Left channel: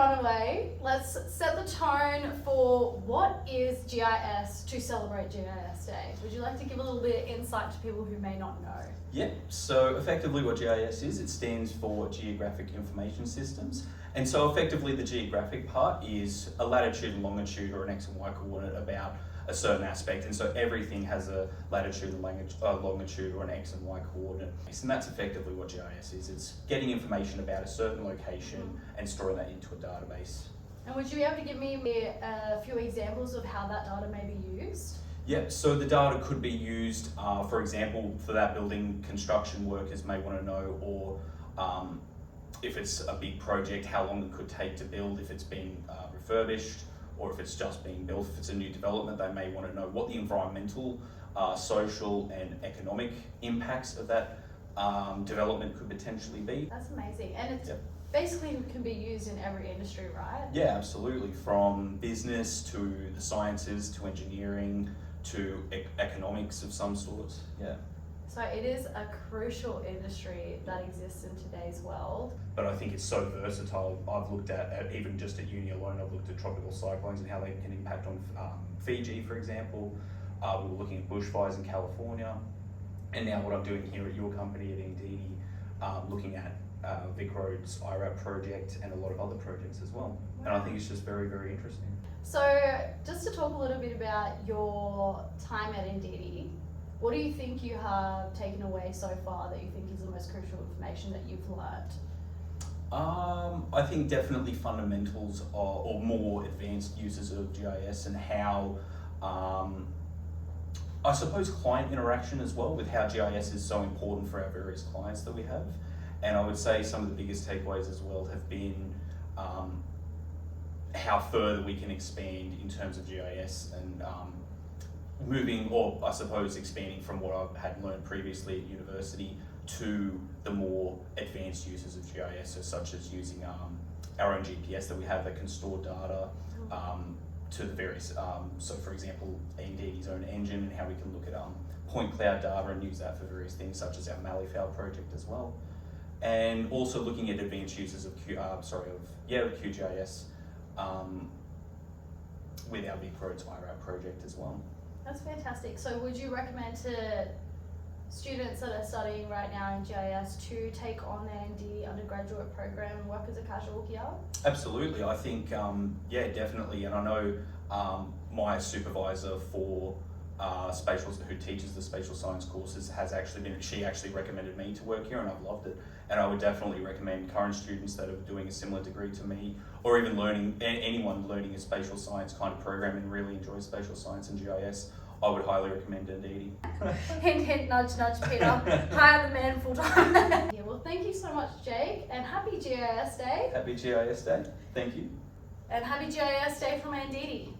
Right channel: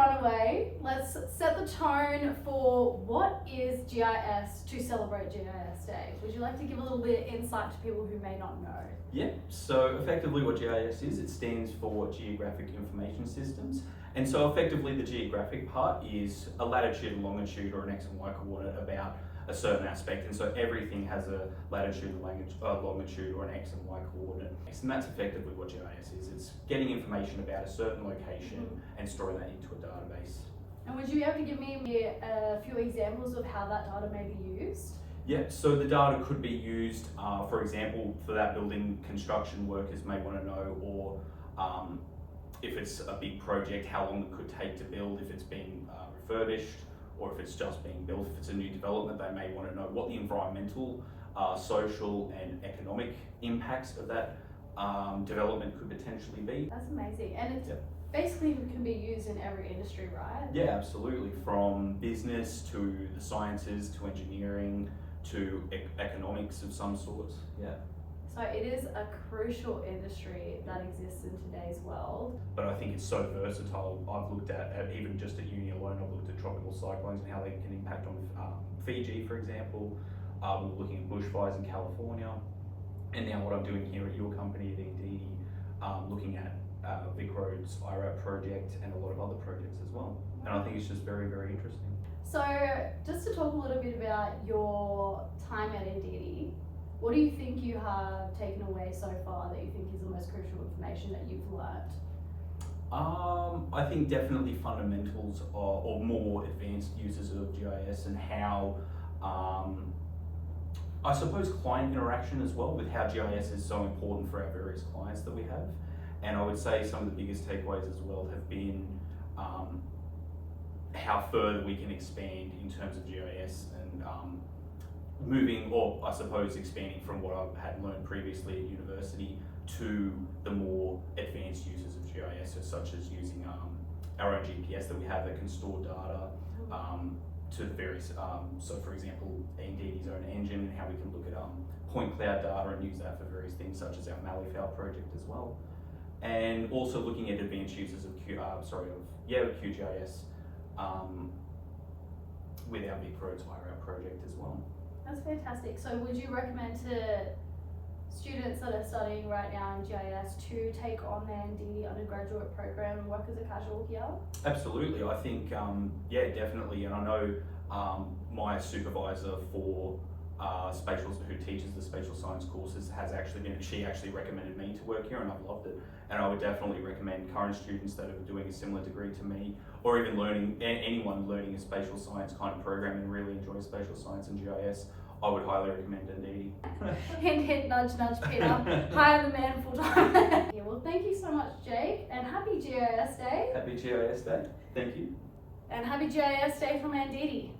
run away, let's set the tone for what is GIS to celebrate GIS Day. Would you like to give a little bit of insight to people who may not know? Yeah, so effectively what GIS is, it stands for Geographic Information Systems. And so effectively the geographic part is a latitude and longitude or an X and Y coordinate about a certain aspect. And so everything has a latitude and longitude or an X and Y coordinate. And that's effectively what GIS is. It's getting information about a certain location and storing that into a database. And would you be able to give me a few examples of how that data may be used? Yeah, so the data could be used, for example, for that building construction workers may want to know, or if it's a big project, how long it could take to build, if it's been refurbished, or if it's just being built. If it's a new development, they may want to know what the environmental, social and economic impacts of that development could potentially be. That's amazing. And it's basically can be used in every industry, right? Yeah, absolutely. From business to the sciences to engineering to economics of some sort. Yeah. So it is a crucial industry that exists in today's world. But I think it's so versatile. I've looked at even just at uni alone, I've looked at tropical cyclones and how they can impact on Fiji, for example. We were looking at bushfires in California. And now what I'm doing here at your company at Anditi, looking at Vic Road's IRAP project and a lot of other projects as well. And I think it's just very, very interesting. So just to talk a little bit about your time at Anditi, what do you think you have taken away so far that you think is the most crucial information that you've learnt? I think definitely fundamentals or more advanced uses of GIS and how, I suppose, client interaction as well, with how GIS is so important for our various clients that we have. And I would say some of the biggest takeaways as well have been how further we can expand in terms of GIS and moving, or I suppose expanding from what I had learned previously at university to the more advanced uses of GIS, so such as using our own GPS that we have that can store data to the various, so for example, Anditi's own engine, and how we can look at point cloud data and use that for various things such as our Malifaux project as well. And also looking at advanced uses of QGIS with our Vic Roads IRAP project as well. That's fantastic. So would you recommend to students that are studying right now in GIS to take on the Anditi undergraduate program and work as a casual here? Absolutely, I think, yeah, definitely. And I know my supervisor for who teaches the spatial science courses she actually recommended me to work here, and I've loved it. And I would definitely recommend current students that are doing a similar degree to me, or even anyone learning a spatial science kind of program and really enjoys spatial science and GIS, I would highly recommend Anditi. Hint, hint, nudge, nudge, Peter. Hire the man full time. Yeah, well, thank you so much, Jake, and happy GIS Day. Happy GIS Day. Thank you. And happy GIS Day from Anditi.